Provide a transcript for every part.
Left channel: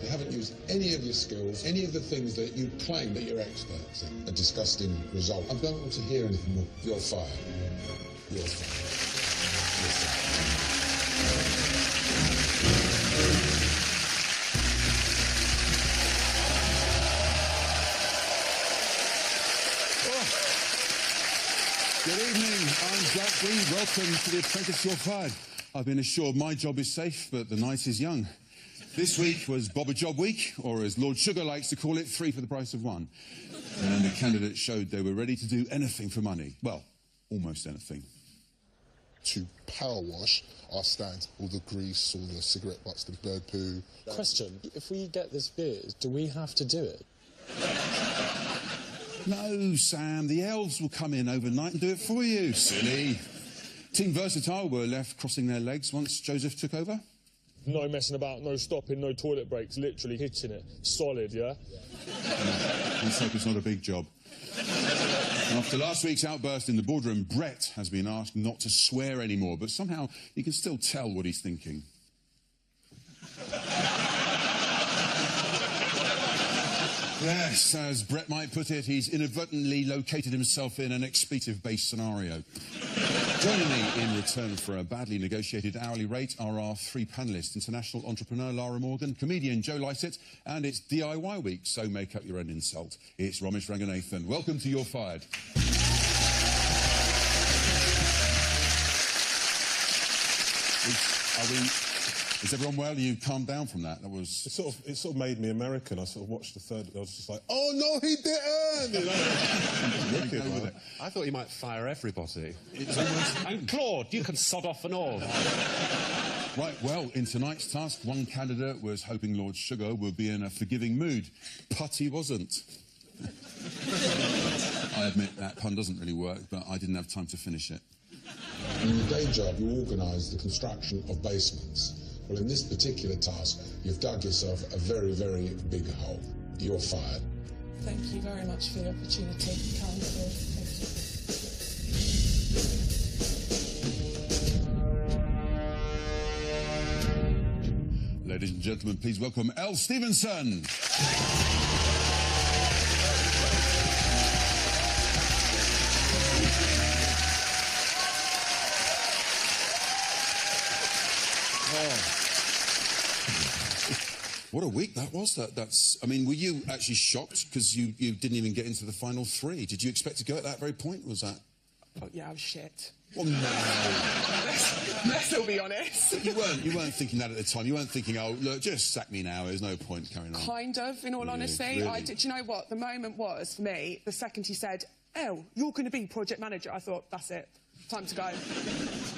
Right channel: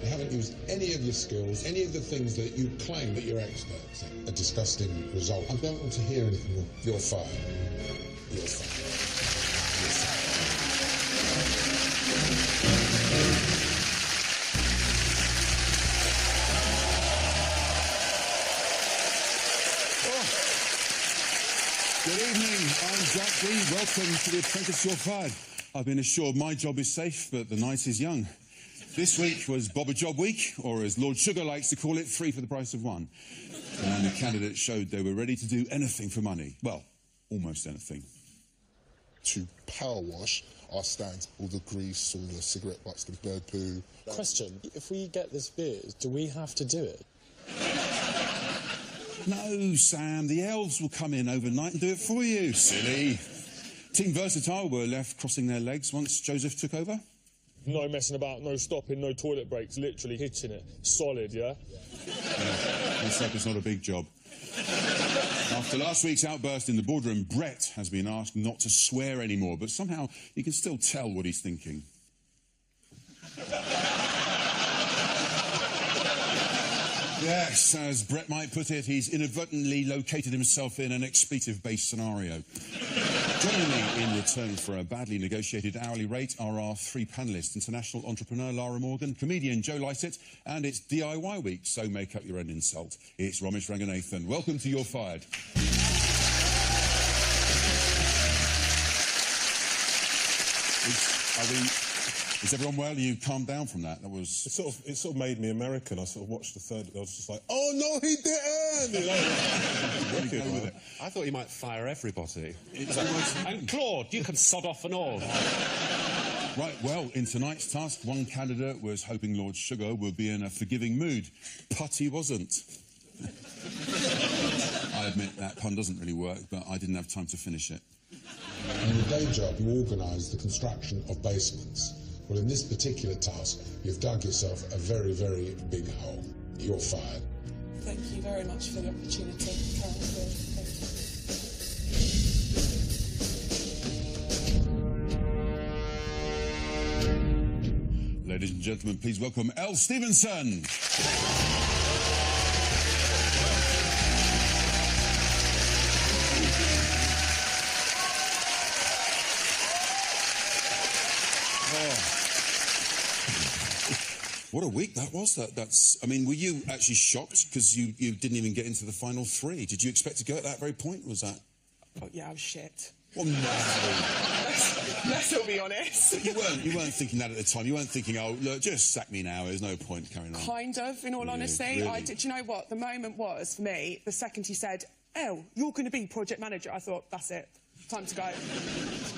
You haven't used any of your skills, any of the things that you claim that you're experts in. A disgusting result. I don't want to hear anything more. You're fired. You're fired. You're fired. Good evening, I'm Jack D. Welcome to the Apprentice, You're Fired. I've been assured my job is safe, but the night is young. This week was Bob a Job Week, or as Lord Sugar likes to call it, 3 for the price of 1. And the candidates showed they were ready to do anything for money. Well, almost anything. To power wash our stands, all the grease, all the cigarette butts, the bird poo. Question, if we get this beers, do we have to do it? No, Sam, the elves will come in overnight and do it for you, silly. Team Versatile were left crossing their legs once Joseph took over. No messing about, no stopping, no toilet breaks, literally hitting it. Solid, yeah? Let's hope it's not a big job. After last week's outburst in the boardroom, Brett has been asked not to swear anymore, but somehow you can still tell what he's thinking. Yes, as Brett might put it, he's inadvertently located himself in an expletive-based scenario. Joining me in return for a badly negotiated hourly rate are our 3 panellists: international entrepreneur Lara Morgan, comedian Joe Lycett, and it's DIY week, so make up your own insult. It's Ramesh Ranganathan. Welcome to You're Fired. Is everyone well? You calmed down from that? That was... It sort of made me American. I sort of watched the third, I was just like, oh, no, he didn't! You know, wicked, with it. I thought you might fire everybody. It's almost... And Claude, you can sod off and all. Right, well, in tonight's task, one candidate was hoping Lord Sugar would be in a forgiving mood. But he wasn't. I admit that pun doesn't really work, but I didn't have time to finish it. In your day job, you organise the construction of basements. Well, in this particular task, you've dug yourself a very, very big hole. You're fired. Thank you very much for the opportunity, Karen Ford. Thank you. Ladies and gentlemen, please welcome Elle Stevenson. Oh. What a week that was. I mean, were you actually shocked because you didn't even get into the final 3? Did you expect to go at that very point? Was that... Oh, yeah, I was shit. Well, no. Let's all be honest. But you weren't thinking that at the time. You weren't thinking, oh, look, just sack me now. There's no point carrying on. Kind of, in all honesty. Really? Do you know what? The moment was, for me, the second he said, Elle, you're going to be project manager, I thought, that's it. Time to go.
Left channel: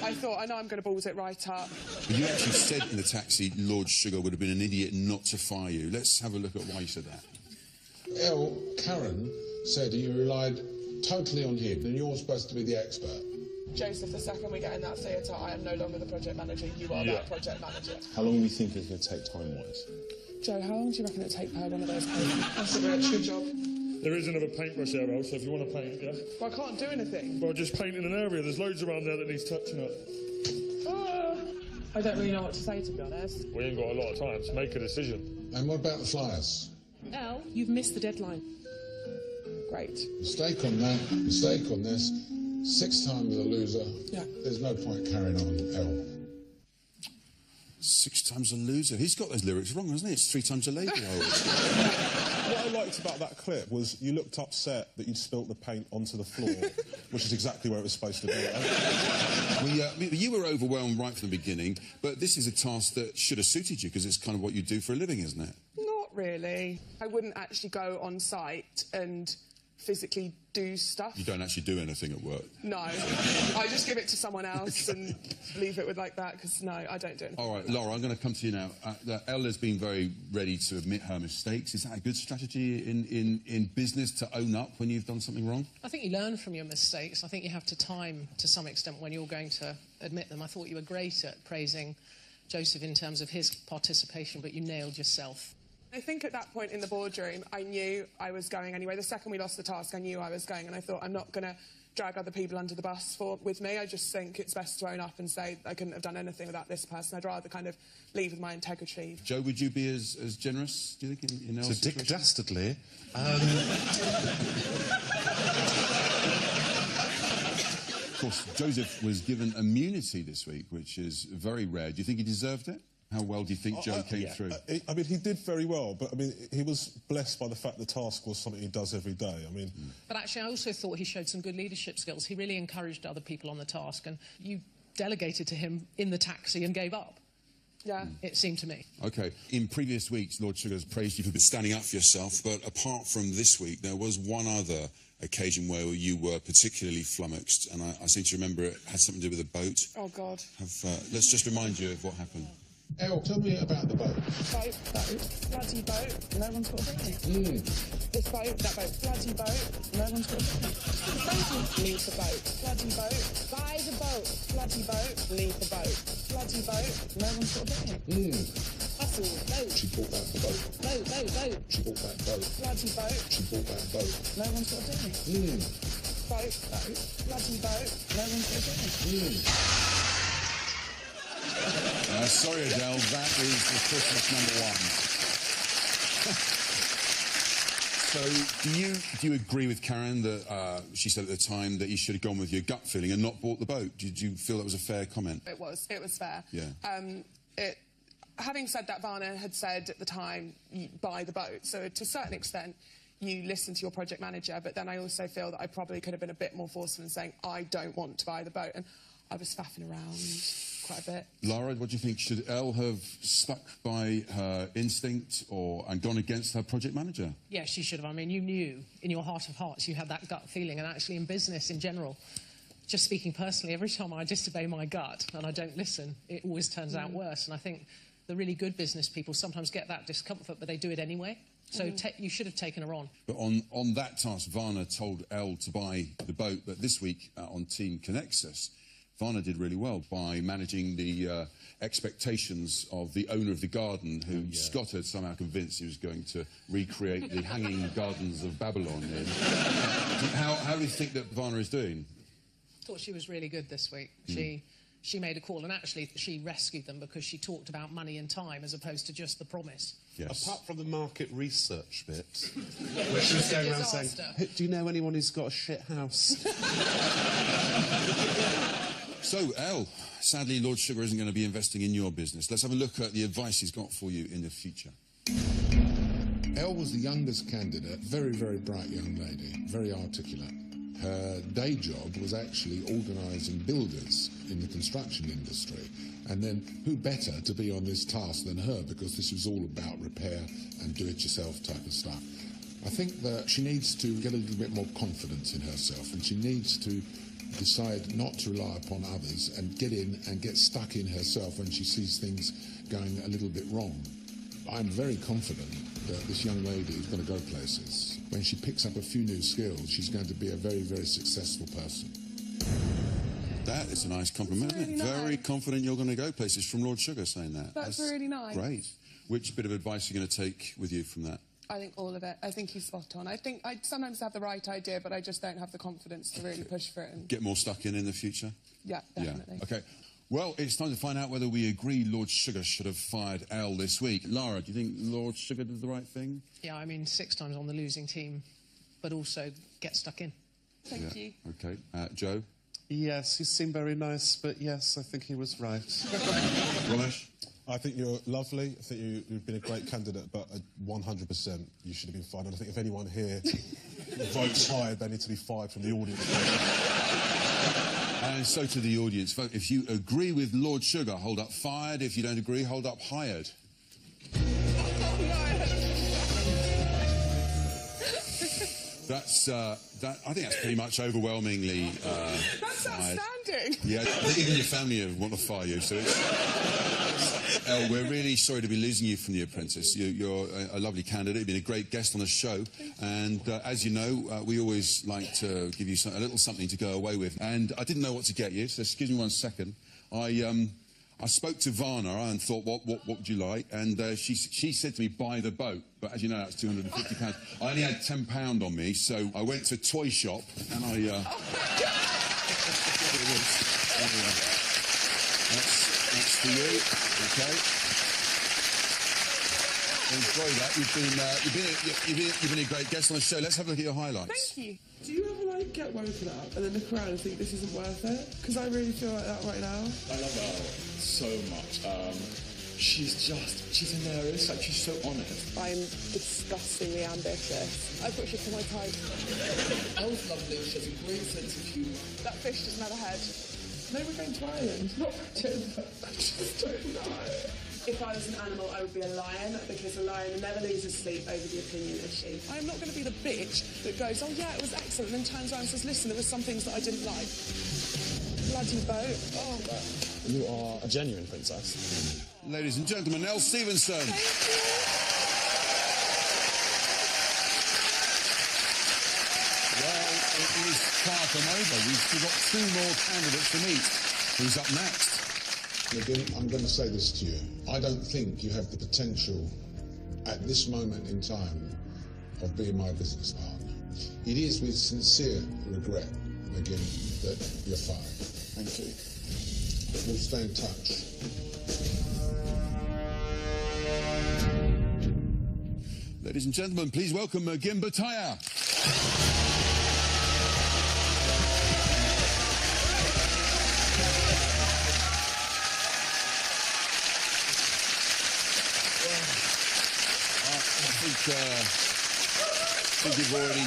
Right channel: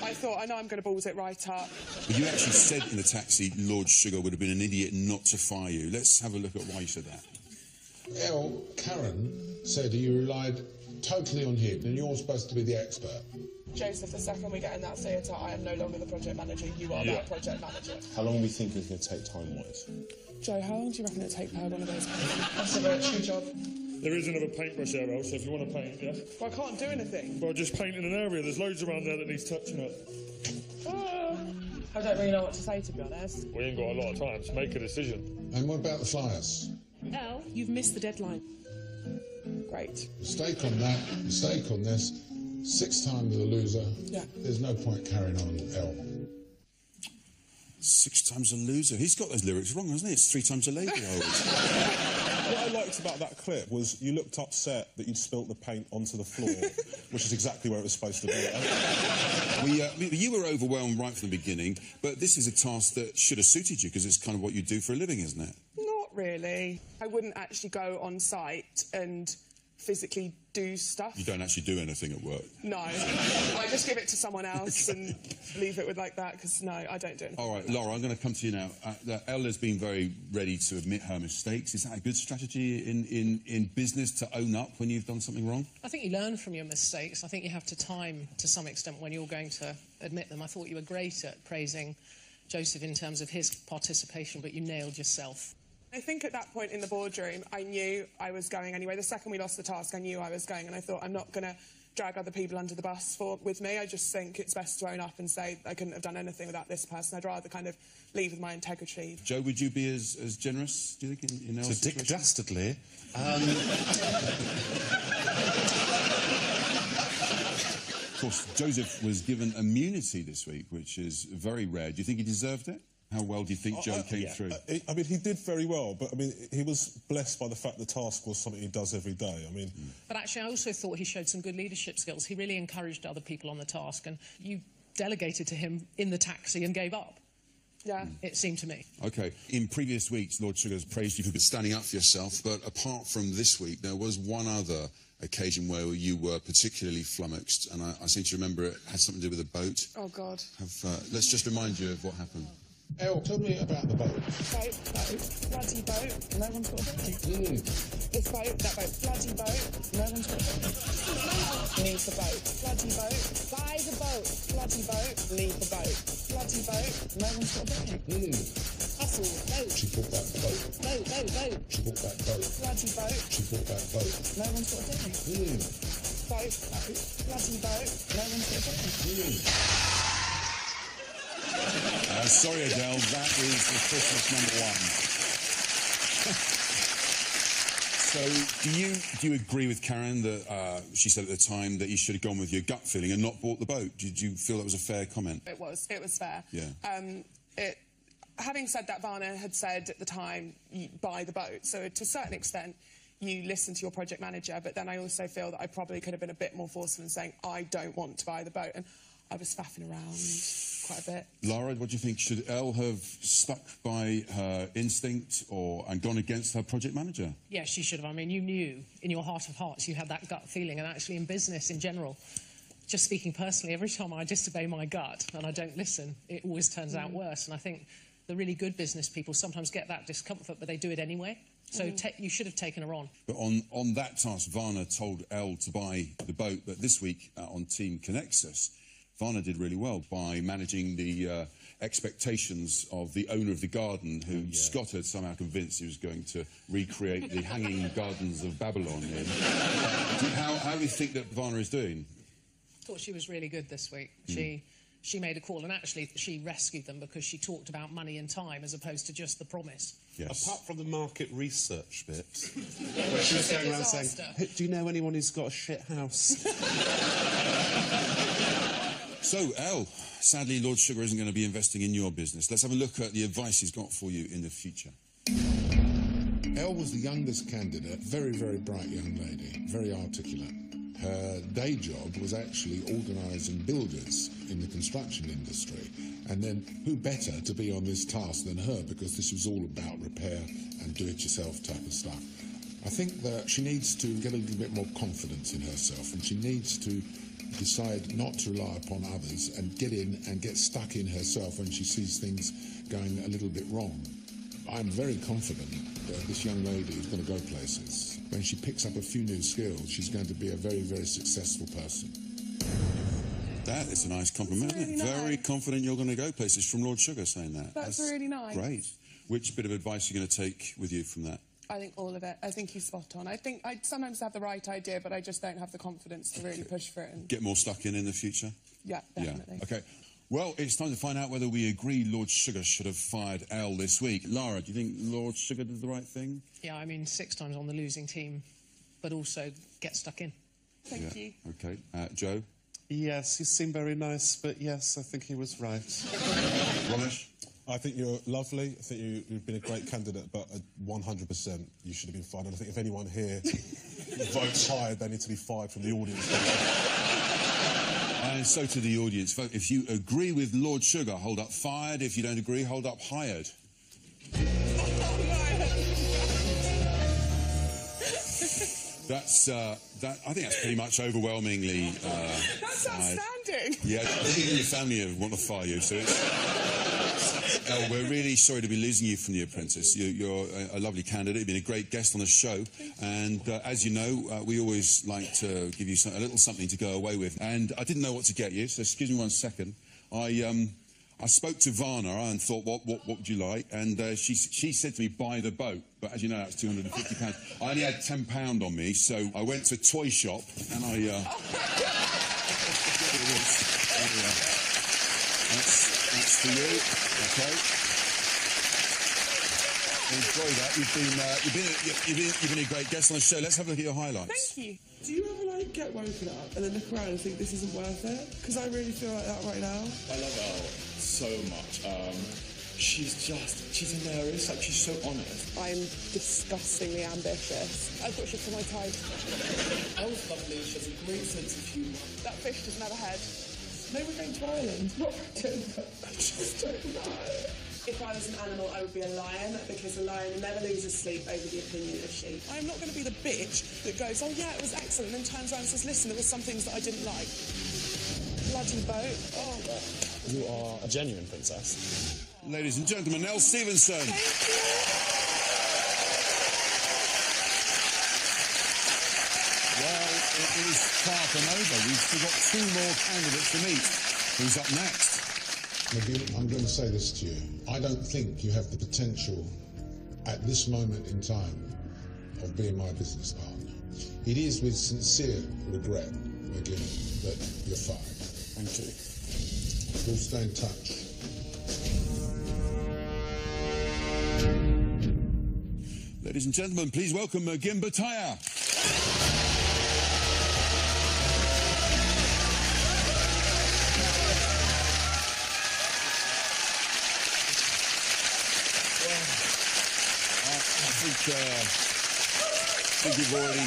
I thought, I know I'm going to balls it right up. But you actually said in the taxi Lord Sugar would have been an idiot not to fire you. Let's have a look at why you said that. Elle, Karen said you relied totally on him, and you're supposed to be the expert. Joseph, the second we get in that theatre, I am no longer the project manager. You are that project manager. How long are we thinking it's going to take time-wise? Joe, how long do you reckon it'll take per one of those posts? That's it, Rich. Good job. There is another paintbrush there, Elle, so if you want to paint, yeah? Well, I can't do anything. Well, just paint in an area. There's loads around there that needs touching up. I don't really know what to say, to be honest. We ain't got a lot of time, so make a decision. And what about the flyers? Elle, you've missed the deadline. Great. Mistake on that, mistake on this. 6 times a loser. Yeah. There's no point carrying on, Elle. 6 times a loser. He's got those lyrics wrong, hasn't he? It's 3 times a lady. What I liked about that clip was you looked upset that you'd spilt the paint onto the floor, which is exactly where it was supposed to be. You were overwhelmed right from the beginning, but this is a task that should have suited you because it's kind of what you do for a living, isn't it? Not really. I wouldn't actually go on site and physically do stuff. You don't actually do anything at work? No. I just give it to someone else and leave it with like that, because, no, I don't do anything. All right, Laura, I'm going to come to you now. Ella's been very ready to admit her mistakes. Is that a good strategy in business, to own up when you've done something wrong? I think you learn from your mistakes. I think you have to time, to some extent, when you're going to admit them. I thought you were great at praising Joseph in terms of his participation, but you nailed yourself. I think at that point in the boardroom, I knew I was going anyway. The second we lost the task, I knew I was going, and I thought, I'm not going to drag other people under the bus with me. I just think it's best to own up and say I couldn't have done anything without this person. I'd rather kind of leave with my integrity. Joe, would you be as generous, do you think, in Elle's To Dick situation? Dastardly. Of course, Joseph was given immunity this week, which is very rare. Do you think he deserved it? How well do you think Joe came through? I mean, he did very well, but I mean, he was blessed by the fact the task was something he does every day. I mean... But actually, I also thought he showed some good leadership skills. He really encouraged other people on the task, and you delegated to him in the taxi and gave up. Yeah. It seemed to me. OK. In previous weeks, Lord Sugar's praised you for standing up for yourself, but apart from this week, there was one other occasion where you were particularly flummoxed, and I seem to remember it had something to do with a boat. Oh, God. Let's just remind you of what happened. Elle, tell me about the boat. Boat, bloody boat, no one's got a thing. This boat, that boat, bloody boat, no one's got a thing. Leave the boat, bloody boat, buy the boat, bloody boat, leave the boat, bloody boat, no one's got a thing. Hustle, boat. She bought that boat. Boat. She bought that boat. Bloody boat. She bought that boat. No one's got a thing. Boat, bloody boat, no one's got a thing. Sorry, Adele, that is the Christmas number one. So, do you agree with Karen that she said at the time that you should have gone with your gut feeling and not bought the boat? Did you feel that was a fair comment? It was fair. Yeah. Having said that, Varna had said at the time, you buy the boat. So to a certain extent, you listen to your project manager, but then I also feel that I probably could have been a bit more forceful in saying, I don't want to buy the boat. And I was faffing around quite a bit. Lara, what do you think? Should Elle have stuck by her instinct and gone against her project manager? Yeah, she should have. I mean, you knew in your heart of hearts you had that gut feeling, and actually in business in general, just speaking personally, every time I disobey my gut and I don't listen, it always turns out worse. And I think the really good business people sometimes get that discomfort, but they do it anyway. So you should have taken her on. But on that task, Varna told Elle to buy the boat, but this week on Team Connexus, Varna did really well by managing the expectations of the owner of the garden, who Scott had somehow convinced he was going to recreate the Hanging Gardens of Babylon in. How do you think that Varna is doing? I thought she was really good this week. She made a call, and actually she rescued them because she talked about money and time as opposed to just the promise. Yes. Apart from the market research bit, where she was going around saying, do you know anyone who's got a shit house? So, Elle, sadly, Lord Sugar isn't going to be investing in your business. Let's have a look at the advice he's got for you in the future. Elle was the youngest candidate, very, very bright young lady, very articulate. Her day job was actually organising builders in the construction industry. And then who better to be on this task than her, because this was all about repair and do-it-yourself type of stuff. I think that she needs to get a little bit more confidence in herself, and she needs to decide not to rely upon others and get in and get stuck in herself when she sees things going a little bit wrong. I'm very confident that this young lady is going to go places. When she picks up a few new skills, she's going to be a very, very successful person. That is a nice compliment, isn't it? Really nice. Very confident you're going to go places, from Lord Sugar saying that. That's really nice. Great. Which bit of advice are you going to take with you from that? I think all of it. I think he's spot on. I think I sometimes have the right idea, but I just don't have the confidence to really push for it. And... Get more stuck in the future? Yeah, definitely. Yeah. OK. Well, it's time to find out whether we agree Lord Sugar should have fired Elle this week. Lara, do you think Lord Sugar did the right thing? Yeah, I mean, 6 times on the losing team, but also get stuck in. Thank you. OK. Joe? Yes, he seemed very nice, but yes, I think he was right. Ramesh? I think you're lovely. I think you've been a great candidate, but 100% you should have been fired. And I think if anyone here votes higher, they need to be fired from the audience. And so to the audience. Vote. If you agree with Lord Sugar, hold up fired. If you don't agree, hold up hired. Oh, no. That's, I think that's pretty much overwhelmingly That's fired. outstanding. Yeah, I think even your family want to fire you, so it's... Elle, we're really sorry to be losing you from The Apprentice. You're a lovely candidate. You've been a great guest on the show. And as you know, we always like to give you a little something to go away with. And I didn't know what to get you, so excuse me 1 second. I spoke to Varna and thought, what would you like? And she said to me, buy the boat. But as you know, that's £250. I only had £10 on me, so I went to a toy shop and I... Here it is. There we are. That's for you. Okay. Enjoy that. You've been a great guest on the show. Let's have a look at your highlights. Thank you. Do you ever, like, get woken up and then look around and think this isn't worth it? Because I really feel like that right now. I love Elle so much. She's hilarious. Like, she's so honest. I'm disgustingly ambitious. I've got shit for my type. Elle's lovely. She has a great sense of humour. That fish doesn't have a head. No, we're going to Ireland. Not I just don't know. If I was an animal, I would be a lion, because a lion never loses sleep over the opinion of sheep. I'm not going to be the bitch that goes, oh yeah, it was excellent, and then turns around and says, listen, there were some things that I didn't like. Bloody boat. Oh. You are a genuine princess. Ladies and gentlemen, Elle Stevenson. Thank you. Well, it is far from over. We've still got 2 more candidates to meet. Who's up next? McGinn, I'm going to say this to you. I don't think you have the potential at this moment in time of being my business partner. It is with sincere regret, McGinn, that you're fired. Thank you. We'll stay in touch. Ladies and gentlemen, please welcome McGinn Bataya. I think you've already...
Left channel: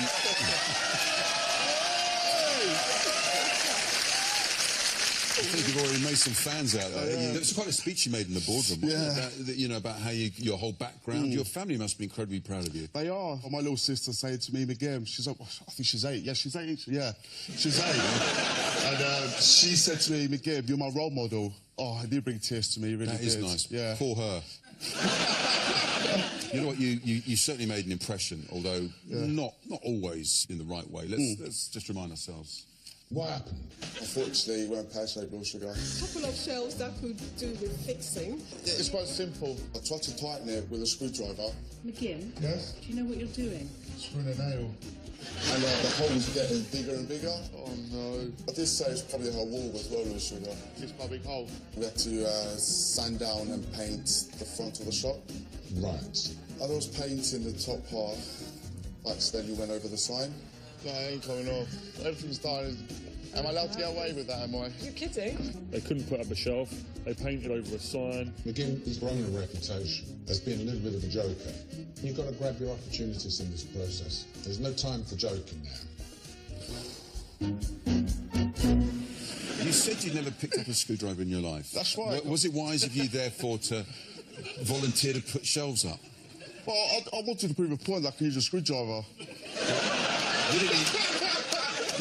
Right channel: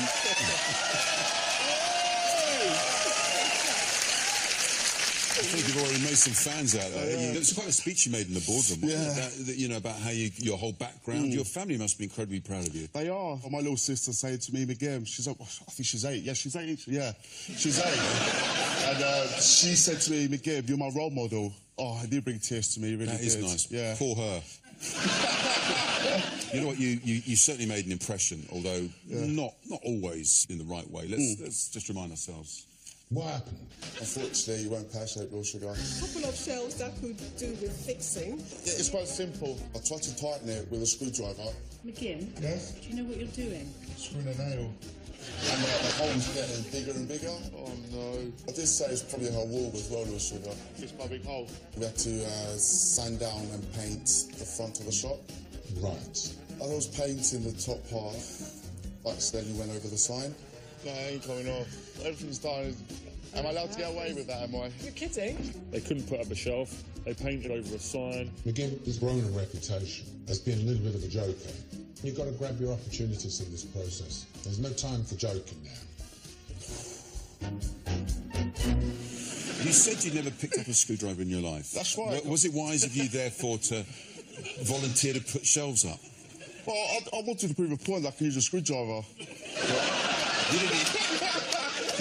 I think you've already made some fans out there. It's quite a speech you made in the boardroom, wasn't it? About how your whole background. Your family must be incredibly proud of you. They are. My little sister said to me, McGinn, she's like, I think she's 8. Yeah, she's 8. Yeah, she's 8. And she said to me, McGinn, you're my role model. Oh, it did bring tears to me, really. That is nice. Yeah. For her. You know what? You certainly made an impression, although not always in the right way. Let's just remind ourselves. What happened? Unfortunately, you weren't pear-shaped blood sugar. A couple of shelves that could do with fixing. It's quite simple. I tried to tighten it with a screwdriver. McGinn? Yes? Do you know what you're doing? Screwing a nail. And the hole's getting bigger and bigger. Oh, no. I did say it's probably her wall as well, blood sugar. It's quite a big hole. We had to sand down and paint the front of the shop. Right. As I was painting the top part, I accidentally went over the sign. No, it ain't coming off. Everything's done. Am I allowed to get away with that, am I? You're kidding? They couldn't put up a shelf. They painted over a sign. McGinn has grown a reputation as being a little bit of a joker. You've got to grab your opportunities in this process. There's no time for joking now. You said you'd never picked up a screwdriver in your life. That's right. Was it wise of you, therefore, to volunteer to put shelves up? Well, I wanted to prove a point that I can use a screwdriver. But you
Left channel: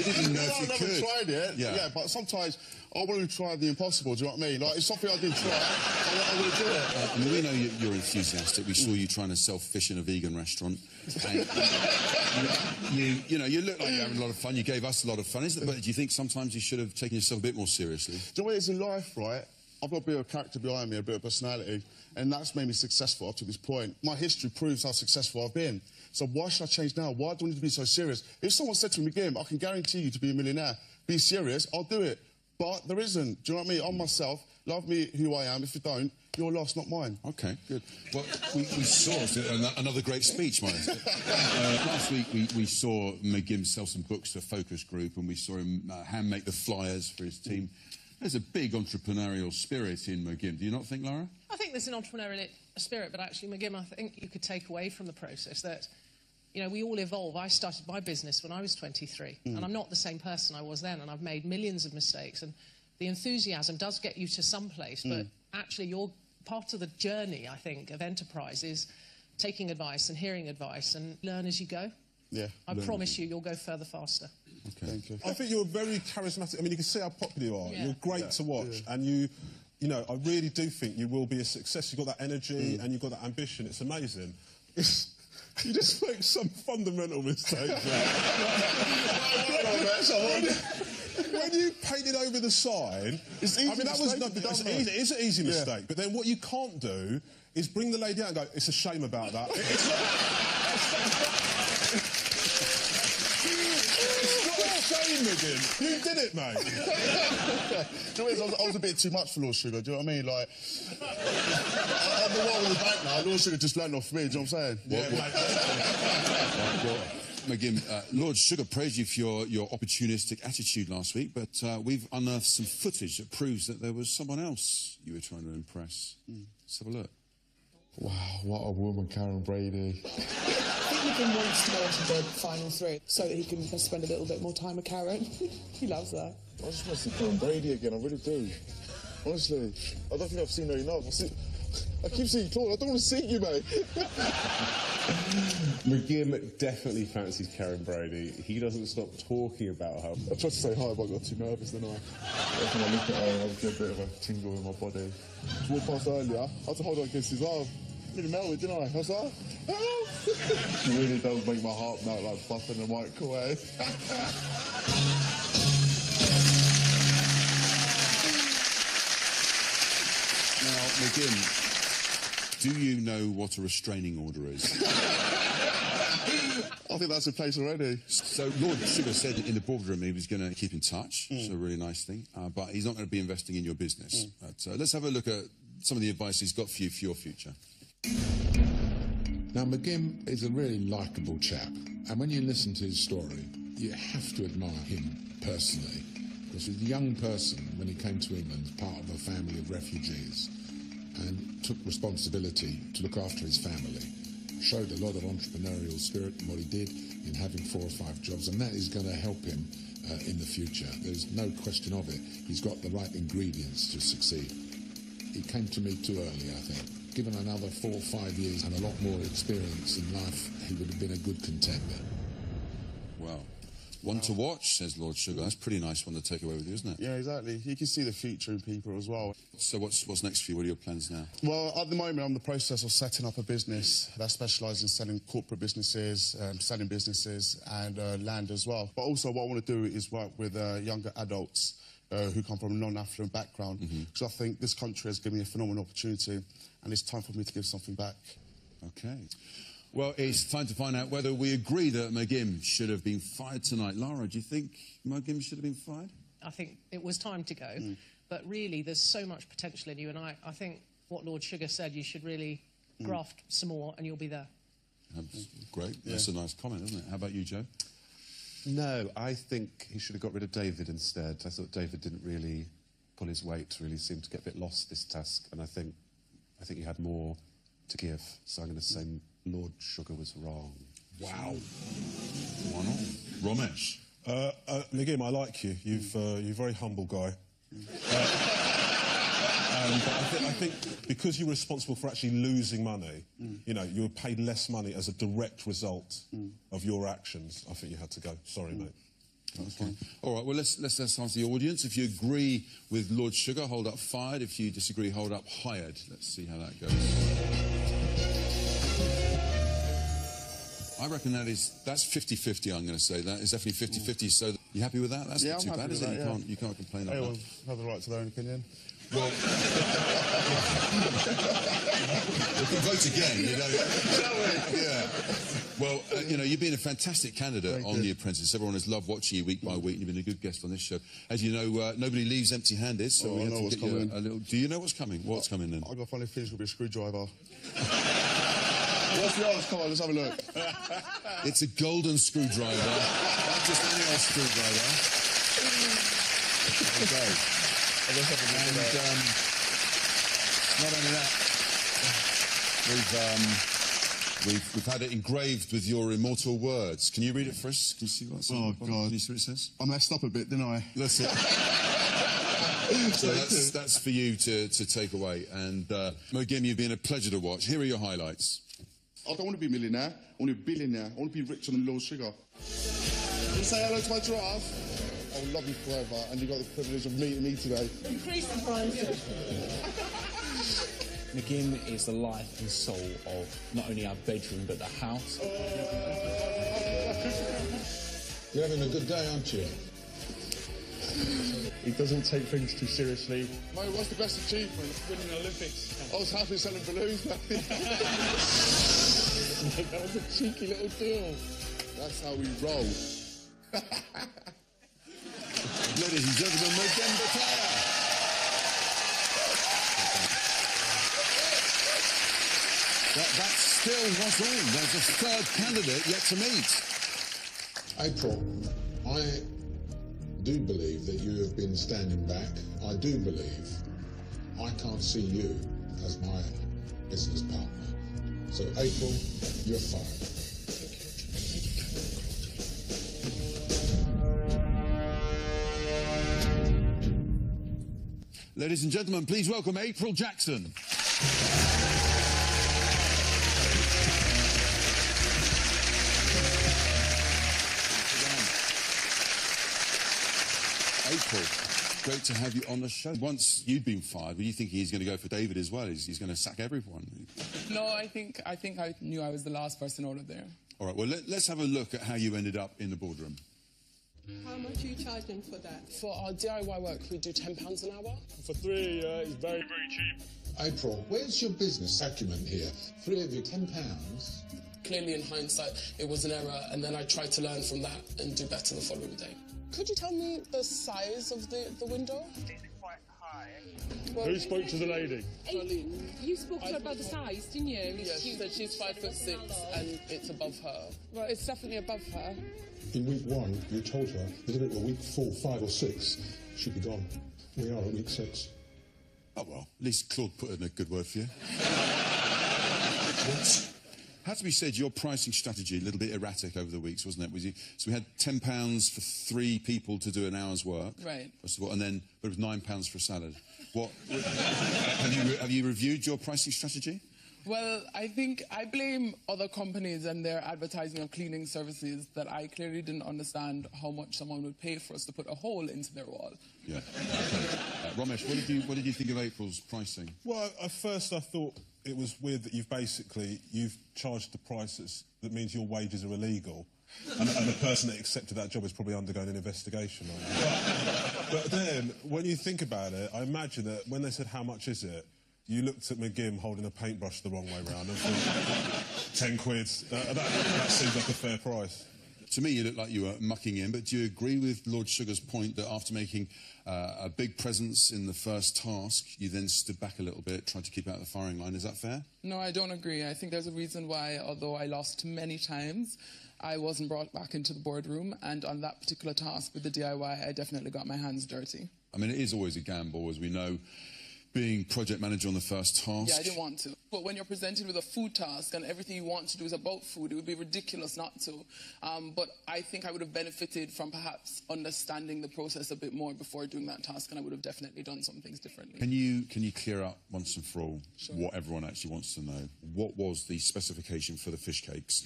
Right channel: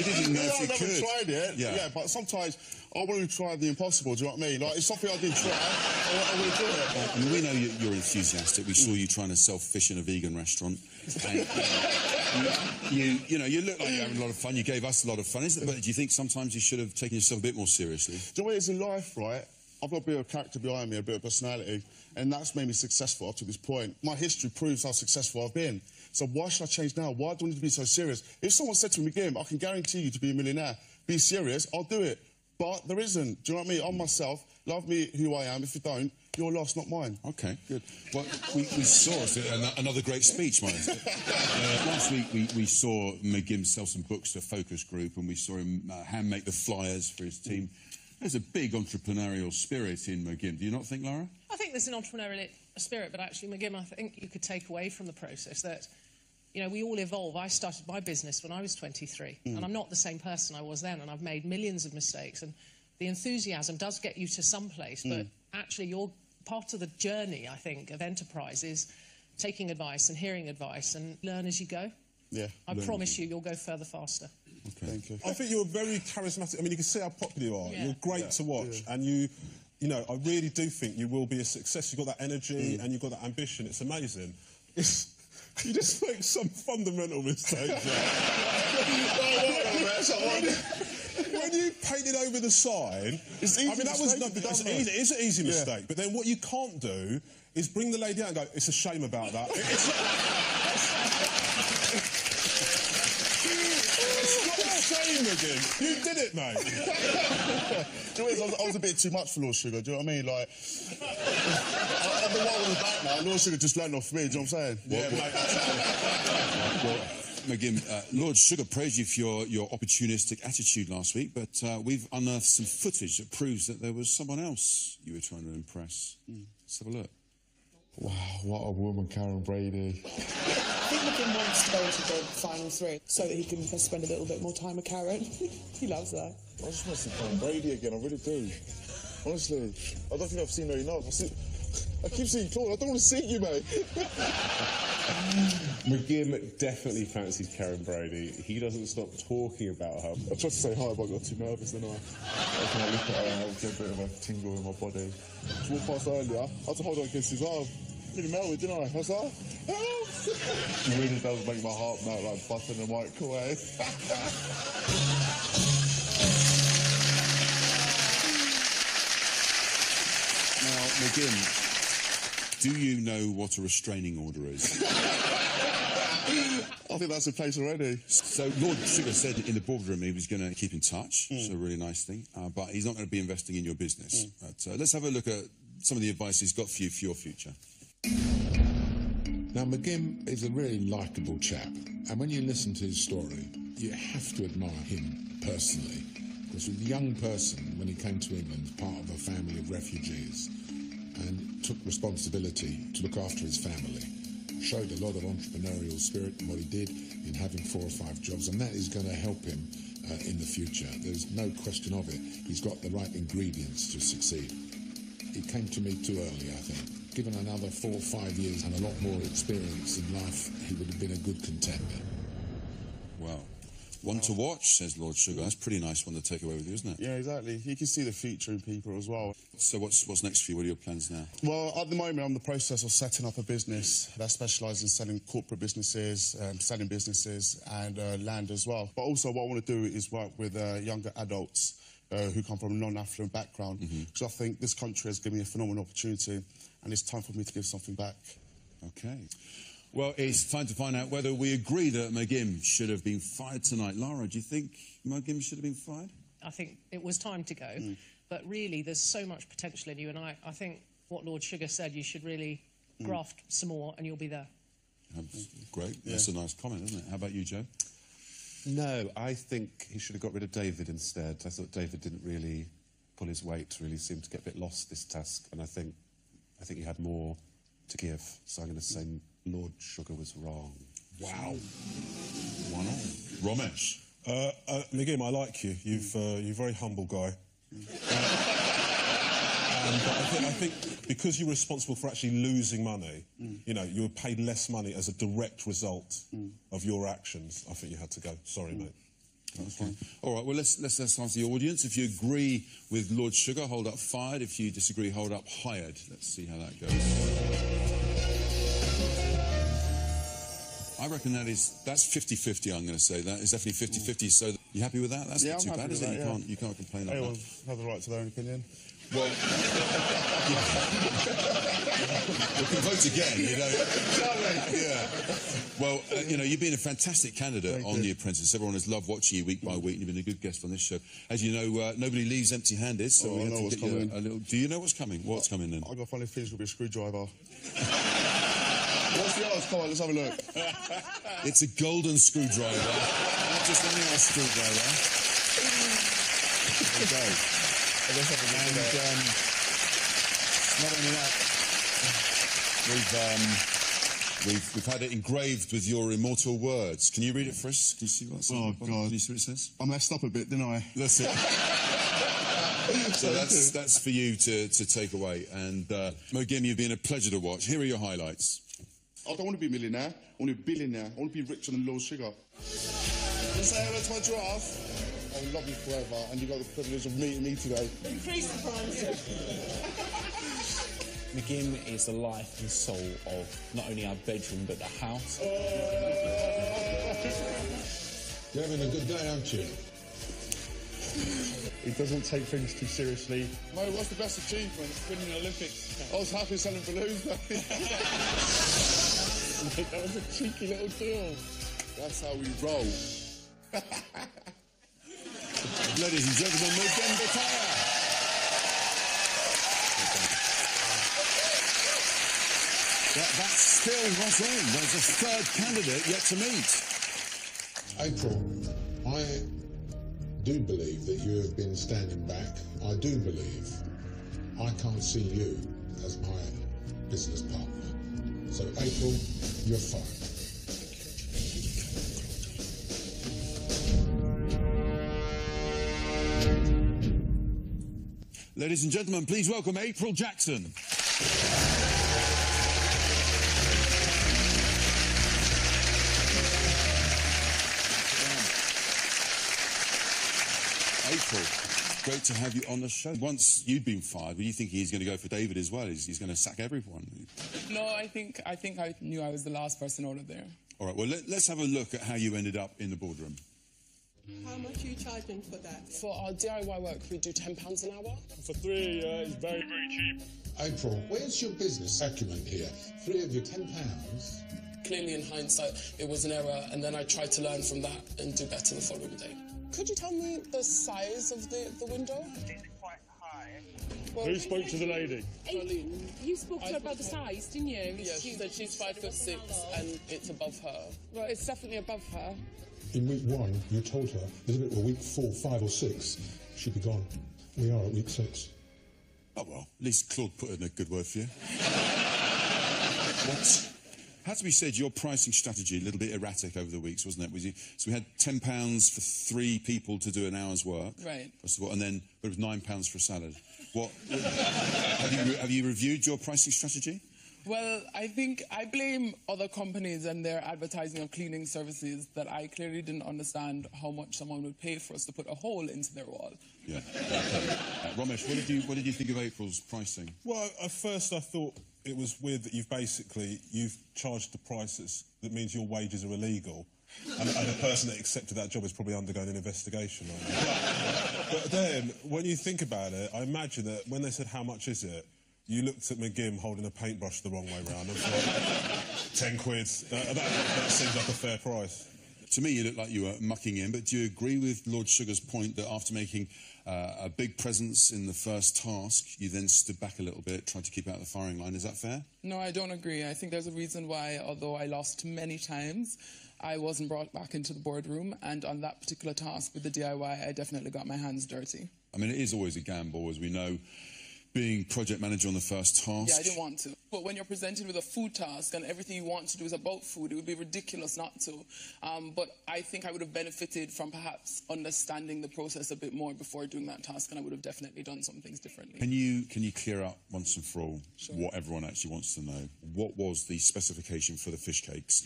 didn't know if you could. I've never tried it. Yeah, but sometimes I want to try the impossible, do you know what I mean? Like, it's something I didn't try, I want to do it. I mean, we know you're enthusiastic. We saw you trying to sell fish in a vegan restaurant. And, you look like you're having a lot of fun. You gave us a lot of fun. But do you think sometimes you should have taken yourself a bit more seriously? Do you know what it is in life, right? I've got a bit of character behind me, a bit of personality, and that's made me successful up to this point. My history proves how successful I've been. So why should I change now? Why do I need to be so serious? If someone said to me, McGinn, I can guarantee you to be a millionaire, be serious, I'll do it. But there isn't. Do you know what I mean? I'm myself. Love me who I am. If you don't, you're lost, not mine. OK, good. Well, we saw another great speech, Miles. Last week, we saw McGinn sell some books to a focus group, and we saw him hand-make the flyers for his team. There's a big entrepreneurial spirit in McGinn. Do you not think, Laura? I think there's an entrepreneurial spirit, but actually, McGinn, I think you could take away from the process that, we all evolve. I started my business when I was 23, and I'm not the same person I was then, and I've made millions of mistakes, and the enthusiasm does get you to some place, but actually, you're part of the journey, I think, of enterprise is taking advice and hearing advice and learn as you go. Yeah. I promise you'll go further faster. Okay. Thank you. I think you're very charismatic. I mean, you can see how popular you are. Yeah. You're great to watch, and you know, I really do think you will be a success. You've got that energy and you've got that ambition. It's amazing. You just make some fundamental mistakes. When you painted over the sign, it's easy. I mean, it's an easy mistake. But then what you can't do is bring the lady out and go, "It's a shame about that." It's not. It's not a shame again. You did it, mate. Do you know what it is? I was a bit too much for Lord Sugar, do you know what I mean? Like, I'm the one with the bank now. Lord Sugar just landed off me, do you know what I'm saying? Yeah, mate. Right, well, McGim, Lord Sugar praised you for your opportunistic attitude last week, but we've unearthed some footage that proves that there was someone else you were trying to impress. Let's have a look. Wow, what a woman, Karen Brady. I think McGinn wants to go into the final three so that he can spend a little bit more time with Karen. He loves that. I just want to see Karen Brady again, I really do. Honestly, I don't think I've seen her enough. I keep seeing Claude, I don't want to see you, mate. McGim definitely fancies Karen Brady. He doesn't stop talking about her. I tried to say hi, but I got too nervous, didn't I? Every time I look at her, I get a bit of a tingle in my body. She walked past earlier, I had to hold her against his arm. Really melted, didn't I? I was like, help! She really does make my heart melt like butter in a microwave. Now, McGim, do you know what a restraining order is? I think that's in place already. So Lord Sugar said in the boardroom he was going to keep in touch, so a really nice thing, but he's not going to be investing in your business. But, let's have a look at some of the advice he's got for you for your future. Now, McGim is a really likeable chap, and when you listen to his story, you have to admire him personally, because he's a young person when he came to England, part of a family of refugees, and took responsibility to look after his family. Showed a lot of entrepreneurial spirit in what he did in having 4 or 5 jobs, and that is going to help him in the future. There's no question of it. He's got the right ingredients to succeed. He came to me too early, I think. Given another 4 or 5 years and a lot more experience in life, he would have been a good contender. Well, one to watch, says Lord Sugar. That's a pretty nice one to take away with you, isn't it? Yeah, exactly. You can see the future in people as well. So what's next for you? What are your plans now? Well, at the moment, I'm in the process of setting up a business that specialises in selling corporate businesses, selling businesses and land as well. But also what I want to do is work with younger adults who come from a non-affluent background, because I think this country has given me a phenomenal opportunity and it's time for me to give something back. OK. Well, it's time to find out whether we agree that McGim should have been fired tonight. Lara, do you think McGim should have been fired? I think it was time to go, but really there's so much potential in you, and I think what Lord Sugar said, you should really graft some more and you'll be there. That's great. Yeah. That's a nice comment, isn't it? How about you, Joe? No, I think he should have got rid of David instead. I thought David didn't really pull his weight, really seemed to get a bit lost this task, and I think he had more to give. So I'm going to say Lord Sugar was wrong. Wow. 1-1. Romesh? McGim, I like you. You're a very humble guy. But I think because you're responsible for actually losing money, you know, you were paid less money as a direct result of your actions. I think you had to go. Sorry, mate. Okay. All right, well, let's ask the audience. If you agree with Lord Sugar, hold up fired. If you disagree, hold up hired. Let's see how that goes. I reckon that's 50-50, I'm going to say. That is definitely 50-50. So you happy with that? That's not too bad, is it? You can't complain about that. Everyone have the right to their own opinion. Well, we can vote again, you know. Shall we? Yeah. Well, you know, you've been a fantastic candidate on The Apprentice. Everyone has loved watching you week by week. You've been a good guest on this show. As you know, nobody leaves empty-handed, so we have to get you a little... Do you know what's coming? What's coming then? I've got a funny feeling it'll be a screwdriver. What's the odds? Come on, let's have a look. It's a golden screwdriver, not just any old screwdriver. Okay. And not only that, we've had it engraved with your immortal words. Can you read it for us? Can you see what's on the bottom? God. Can you see what it says? I messed up a bit, didn't I? That's it. So that's for you to take away. And McGim, you've been a pleasure to watch. Here are your highlights. I don't want to be a millionaire. I want to be a billionaire. I want to be richer than Lord Sugar. Can you say hello to my giraffe? I will love you forever, and you got the privilege of meeting me today. Increase the price. McGim is the life and soul of not only our bedroom, but the house. You're having a good day, aren't you? He doesn't take things too seriously. Mate, what's the best achievement? Winning the Olympics. I was happy selling balloons, mate. Mate, that was a cheeky little deal. That's how we roll. Ladies and gentlemen, Mugembe Kaya. But that's still not all. There's a third candidate yet to meet. April, I do believe that you have been standing back. I do believe I can't see you as my business partner. So, April, you're fired. Thank you. Thank you, Karen and Claude. Ladies and gentlemen, please welcome April Jackson. April, great to have you on the show. Once you'd been fired, were you thinking he's going to go for David as well? He's going to sack everyone? No, I think I knew I was the last person out of there. All right, well, let's have a look at how you ended up in the boardroom. How much are you charging for that? For our DIY work, we do £10 an hour. For 3 it's very, very cheap. April, where's your business acumen here? 3 of you, £10? Clearly, in hindsight, it was an error, and then I tried to learn from that and do better the following day. Could you tell me the size of the window? It's quite high. Well, Who spoke to the lady? You spoke to her about the size, didn't you? Yeah, she said she's 5'6" and it's above her. Well, it's definitely above her. In week 1, you told her that if it were week 4, 5 or 6, she'd be gone. We are at week 6. Oh, well, at least Claude put in a good word for you. What? Has to be said, your pricing strategy a little bit erratic over the weeks, wasn't it? So we had £10 for 3 people to do an hour's work, right? First of all, and then it was £9 for a salad. What have you reviewed your pricing strategy? Well, I think I blame other companies and their advertising of cleaning services that I clearly didn't understand how much someone would pay for us to put a hole into their wall. Yeah. Okay. Ramesh, what did you think of April's pricing? Well, at first I thought it was weird that you've charged the prices that means your wages are illegal, and the person that accepted that job is probably undergoing an investigation on you. But then, when you think about it, I imagine that when they said how much is it, you looked at McGim holding a paintbrush the wrong way round and thought, 10 quid, that seems like a fair price. To me, you look like you were mucking in, but do you agree with Lord Sugar's point that after making a big presence in the first task, you then stood back a little bit, tried to keep out of the firing line? Is that fair? No, I don't agree. I think there's a reason why, although I lost many times, I wasn't brought back into the boardroom, and on that particular task with the DIY, I definitely got my hands dirty. I mean, it is always a gamble, as we know, being project manager on the first task. Yeah, I didn't want to. But when you're presented with a food task and everything you want to do is about food, it would be ridiculous not to. But I think I would have benefited from perhaps understanding the process a bit more before doing that task, and I would have definitely done some things differently. Can you clear up once and for all what everyone actually wants to know? What was the specification for the fish cakes?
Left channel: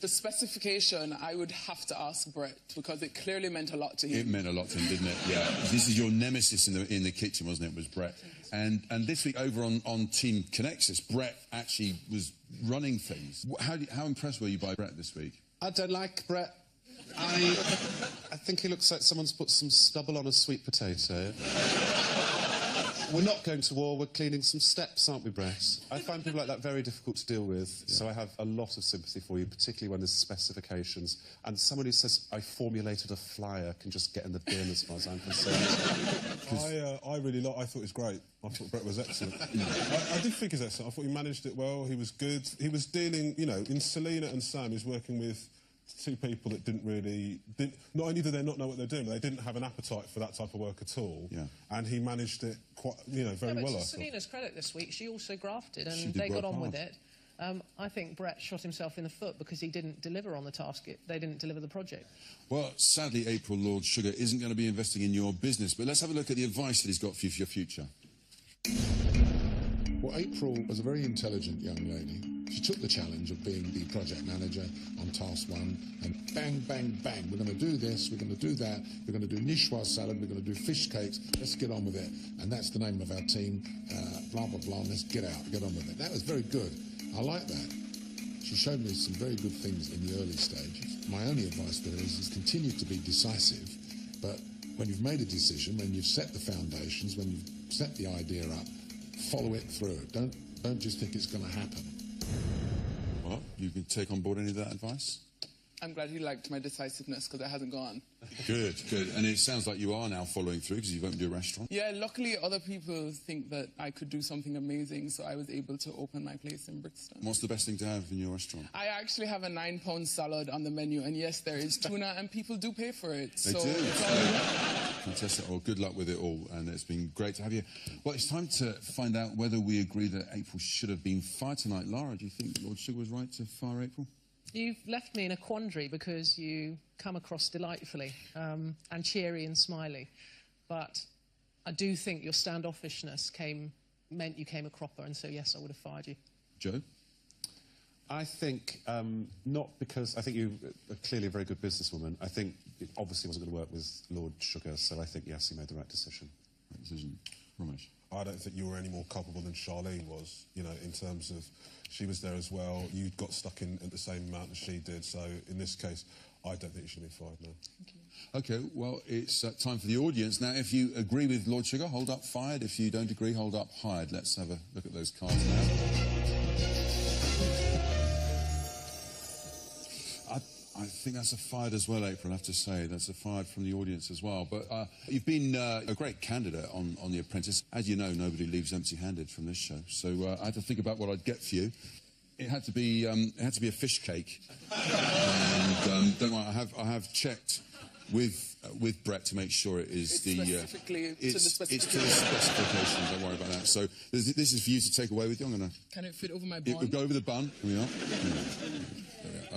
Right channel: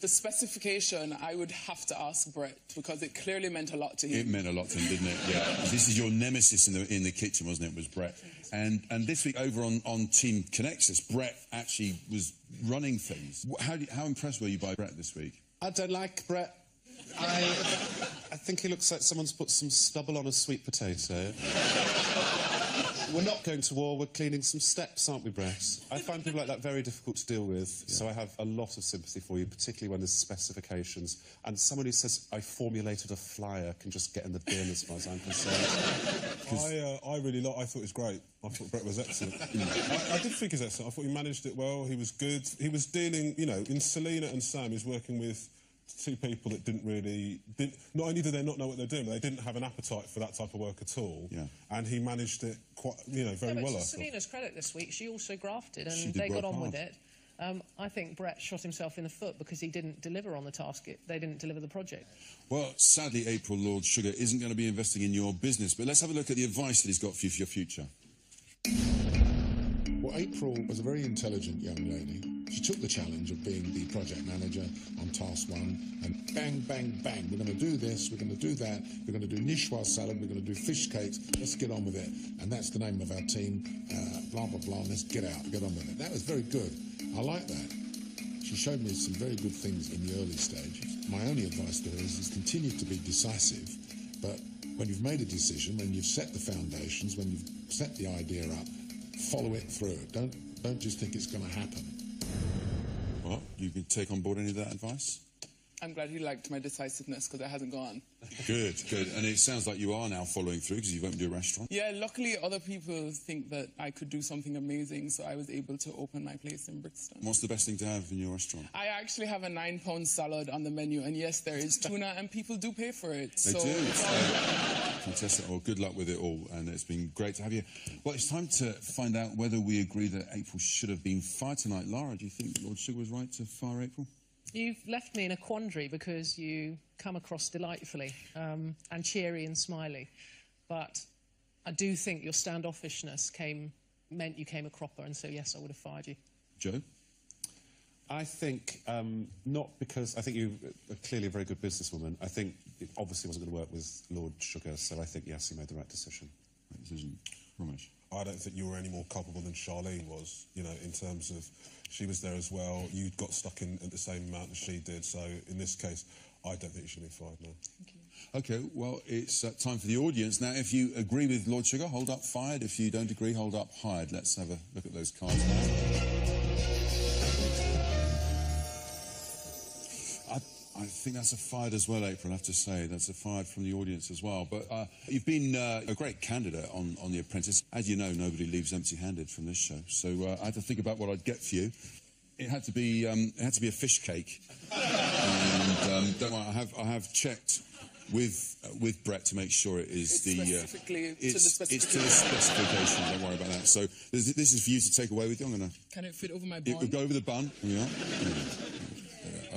The specification, I would have to ask Brett, because it clearly meant a lot to him. It meant a lot to him, didn't it? Yeah. This is your nemesis in the kitchen, wasn't it? Was Brett. And this week over on Team Connexus, Brett actually was running things. How impressed were you by Brett this week? I don't like Brett. I think he looks like someone's put some stubble on a sweet potato. We're not going to war, we're cleaning some steps, aren't we, Brett? I find people like that very difficult to deal with, so I have a lot of sympathy for you, particularly when there's specifications. And someone who says, I formulated a flyer, can just get in the bin as far as I'm concerned. I thought it was great. I thought Brett was excellent. I did think he was excellent. I thought he managed it well, he was good. He was dealing, in Selena and Sam, he's working with 2 people that not only did they not know what they're doing, but they didn't have an appetite for that type of work at all. Yeah. And he managed it quite, very well. To Selena's credit this week, she also grafted and they got on with it. I think Brett shot himself in the foot because he didn't deliver on the task. They didn't deliver the project. Well, sadly, April, Lord Sugar isn't going to be investing in your business, but let's have a look at the advice that he's got for you for your future. Well, April was a very intelligent young lady. She took the challenge of being the project manager on task 1, and bang, bang, bang, we're going to do this, we're going to do that, we're going to do niçoise salad, we're going to do fish cakes, let's get on with it. And that's the name of our team, blah, blah, blah, let's get out, get on with it. That was very good. I like that. She showed me some very good things in the early stages. My only advice to her is continue to be decisive, but when you've made a decision, when you've set the foundations, when you've set the idea up, follow it through. Don't just think it's going to happen. Well, you can take on board any of that advice? I'm glad he liked my decisiveness because it hasn't gone. Good, good. And it sounds like you are now following through because you've opened your restaurant. Yeah, luckily other people think that I could do something amazing, so I was able to open my place in Brixton. What's the best thing to have in your restaurant? I actually have a 9-pound salad on the menu, and yes, there is tuna, and people do pay for it. They so do. It's all good. Fantastic. Well, good luck with it all, and it's been great to have you. Well, it's time to find out whether we agree that April should have been fired tonight. Lara, do you think Lord Sugar was right to fire April? You've left me in a quandary because you come across delightfully and cheery and smiley. But I do think your standoffishness meant you came a cropper, and so, yes, I would have fired you. Joe? I think not because I think you are clearly a very good businesswoman. I think it obviously wasn't going to work with Lord Sugar, so I think, yes, you made the right decision. Right decision. Ramesh? I don't think you were any more culpable than Charlene was, you know, in terms of she was there as well. You got stuck in at the same amount as she did. So in this case, I don't think you should be fired now. Thank you. OK, well, it's time for the audience. Now, if you agree with Lord Sugar, hold up fired. If you don't agree, hold up hired. Let's have a look at those cards now. I think that's a fired as well, April, I have to say. That's a fired from the audience as well. But you've been a great candidate on The Apprentice. As you know, nobody leaves empty-handed from this show. So I had to think about what I'd get for you. It had to be a fish cake. And don't worry, I have checked with Brett to make sure it is It's specifically to the specifications. It's to the specifications. Don't worry about that. So this is for you to take away with you. I'm going to... Can it fit over my bun? It would go over the bun. Here we are. There we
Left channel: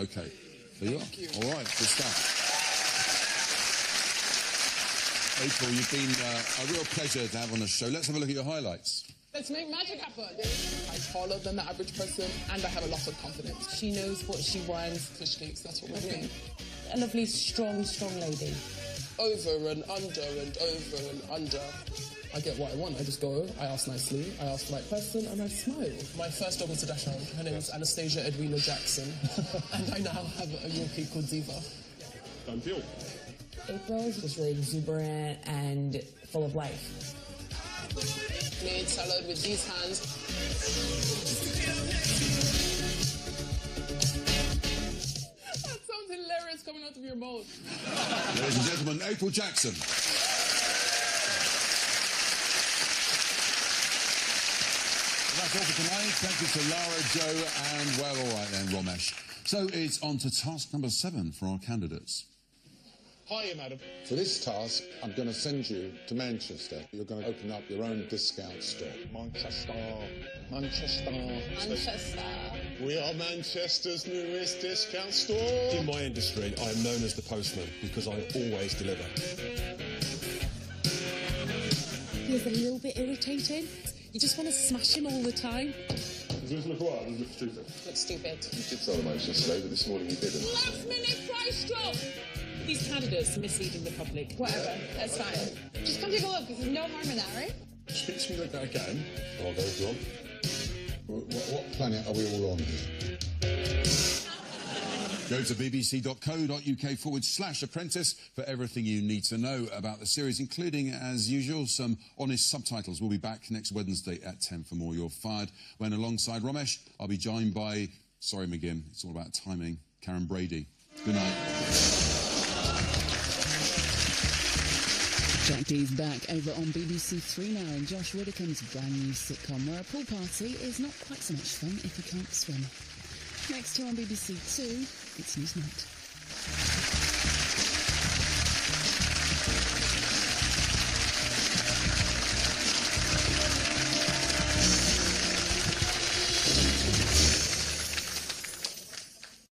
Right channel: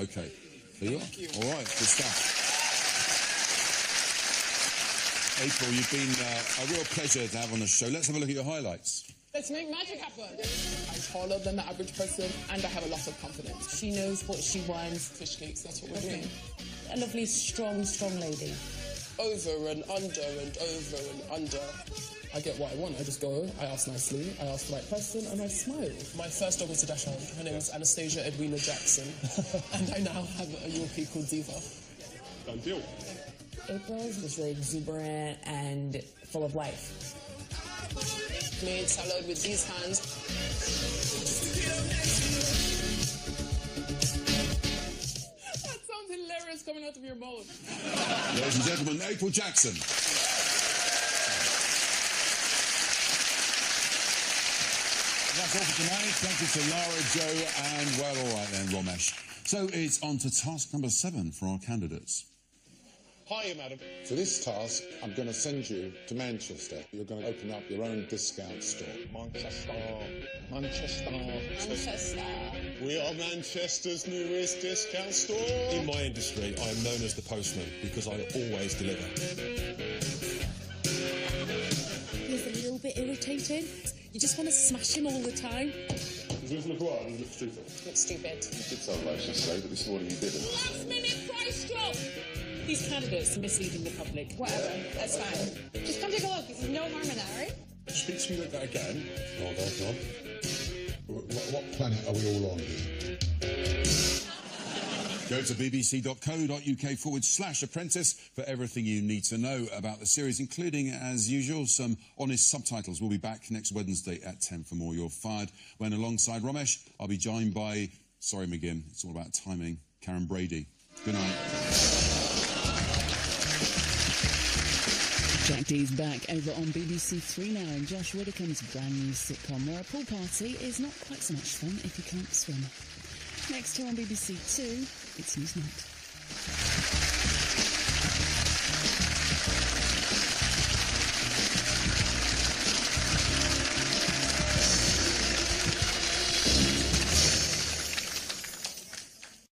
are. OK. There you are. Thank you. All right, good stuff. April, you've been a real pleasure to have on the show. Let's have a look at your highlights. Let's make magic happen. I'm taller than the average person, and I have a lot of confidence. She knows what she wants. Fish cakes, that's what we're doing. A lovely, strong lady. Over and under and over and under. I get what I want. I just go, I ask nicely, I ask the right person, and I smile. My first dog was a dachshund. Her name was Anastasia Edwina Jackson. And I now have a Yorkie called Diva. Done deal. April's just really exuberant and full of life. Made salad with these hands. That sounds hilarious coming out of your mouth. Ladies and gentlemen, April Jackson. That's all for tonight. Thank you to Lara, Joe, and, well, all right then, Ramesh. So it's on to task number 7 for our candidates. Hiya, madam. For this task, I'm going to send you to Manchester. You're going to open up your own discount store. Manchester. We are Manchester's newest discount store. In my industry, I am known as the postman because I always deliver. He's a little bit irritating. You just want to smash him all the time. Does this look right or does it look stupid? Looks stupid. You did sound nice yesterday, but this morning you didn't. Last minute price drop! These candidates are misleading the public. Whatever, that's fine. Just come take a look. There's no harm in that, right? Speak to me like that again. I'll go if you want. What planet are we all on here? Go to bbc.co.uk/apprentice for everything you need to know about the series, including, as usual, some honest subtitles. We'll be back next Wednesday at 10 for more You're Fired, when alongside Ramesh, I'll be joined by, sorry McGim, it's all about timing, Karen Brady. Good night. Jack D's back over on BBC 3 now in Josh Widdicombe's brand new sitcom, where a pool party is not quite so much fun if you can't swim. Next here on BBC 2, it's Newsnight.